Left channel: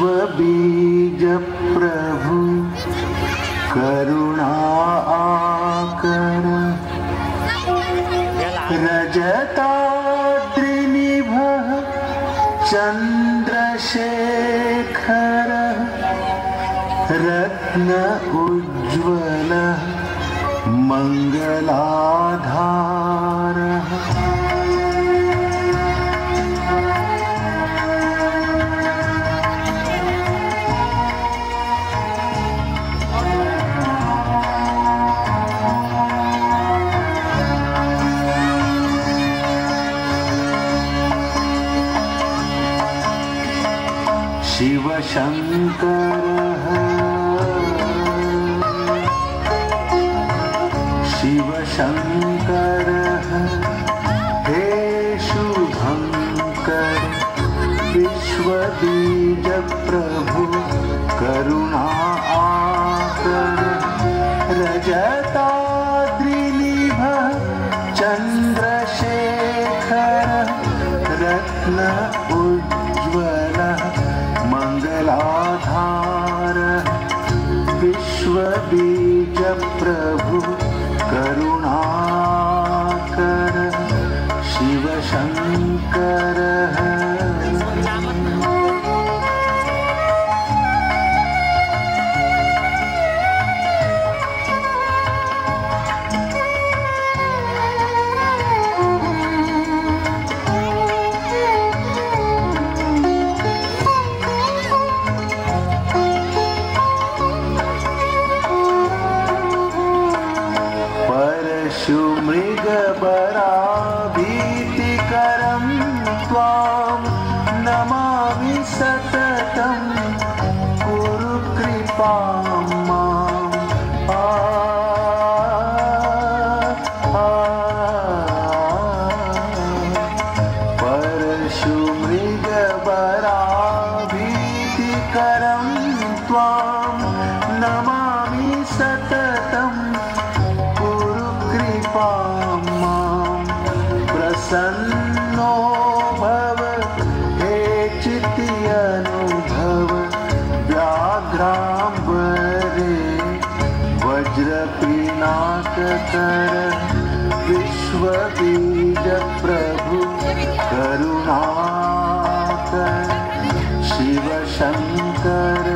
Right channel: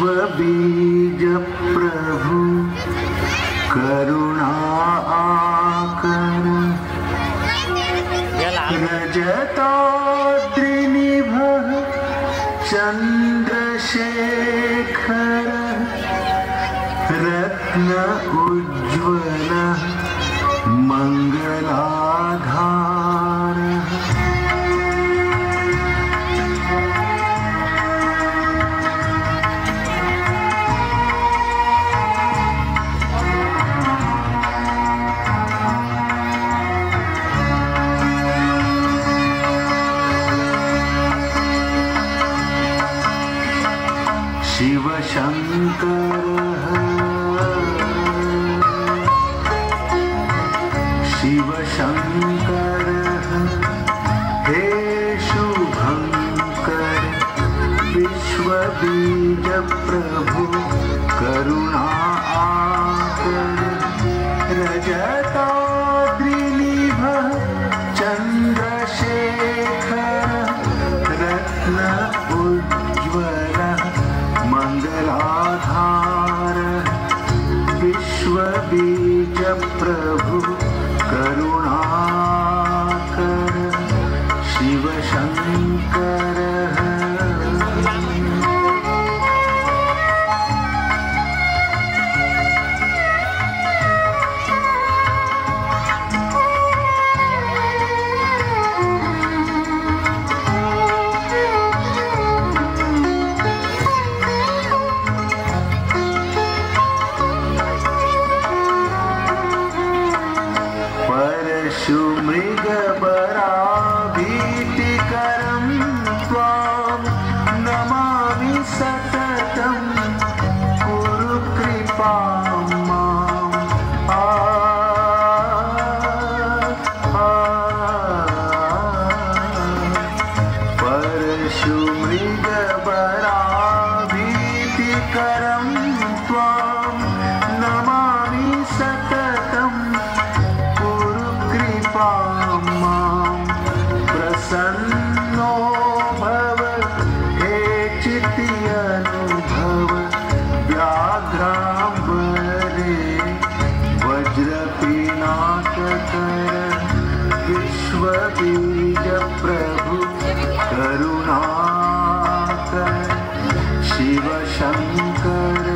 बीज प्रभु करुणा आकर रजताद्रिनिभ चंद्रशेखर रत्न उज्ज्वल मंगलाधार शिव शंकर शिव शंकर हे शुभंकर विश्व बीज प्रभु करुणा आकर रजताद्रिनिभ चंद्रशेखर रत्न उज्ज्वल मंगलाधार विश्व बीज प्रभु करुणाकर शिव शंकर मृगबराभीतिकरं त्वां नमामि सततं कुरु कृपां परशुमृगबराभीतिकरं त्वां नमामि सततं प्रसन्नो भव हे चित्यनुभव व्याघ्रांबरे वज्रपिनाककर विश्वबीज प्रभु करुणाकर शिव शंकर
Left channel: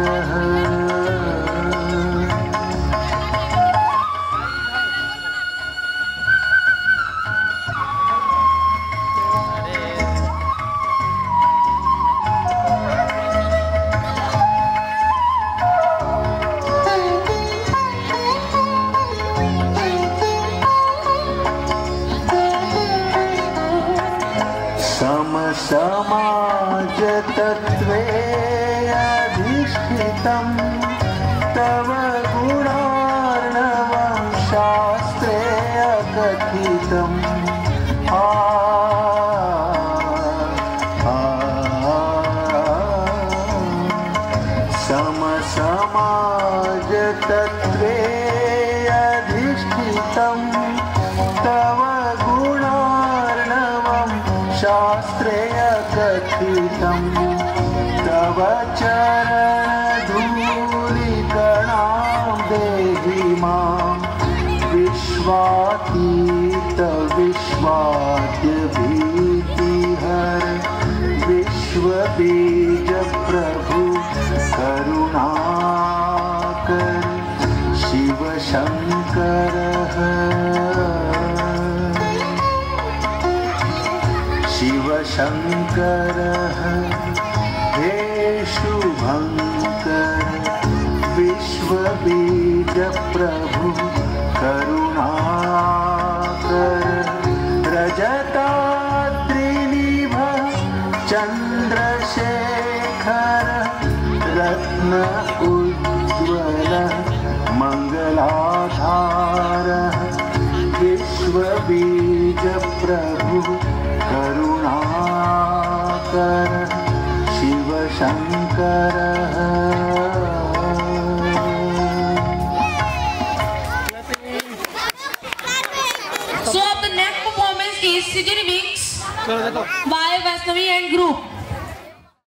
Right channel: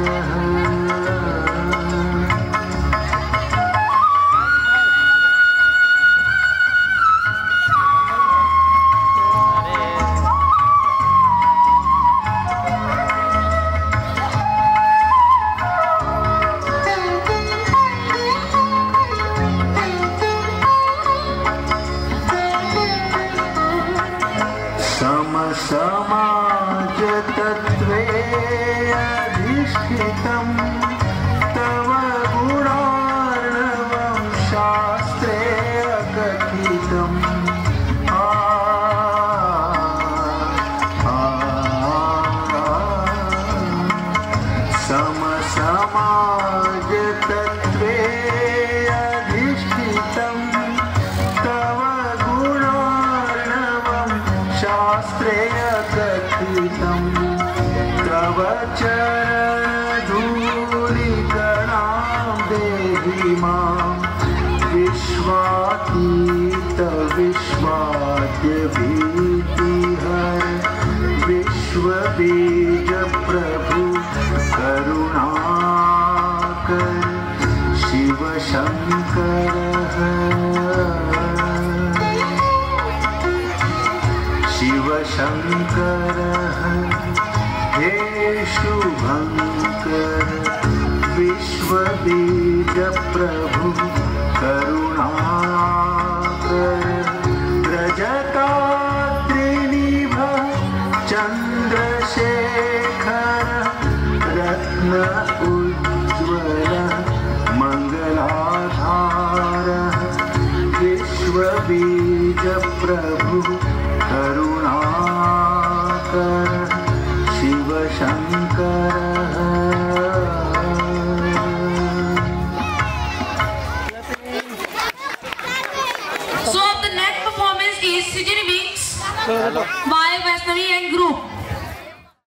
समाज तत्वे अधिष्ठितं तव गुणार्णवं शास्त्रे अकथितं समाज तत्वे अधिष्ठितं तव गुणार्णवं शास्त्रे अकथितं तव चरणधूलिकणां देहि मां विश्वातीत विश्वाद्य भीतिहर विश्वबीज प्रभु करुणाकर शिव शंकर शिव शंकर हे शुभंकर विश्व बीज प्रभु करुणाकर रजताद्रिनिभ चंद्रशेखर रत्न उज्ज्वल मंगलाधार विश्व बीज प्रभु Karunakar Shiv Shankar So the next performance is City Wings by Vaishnavi and group.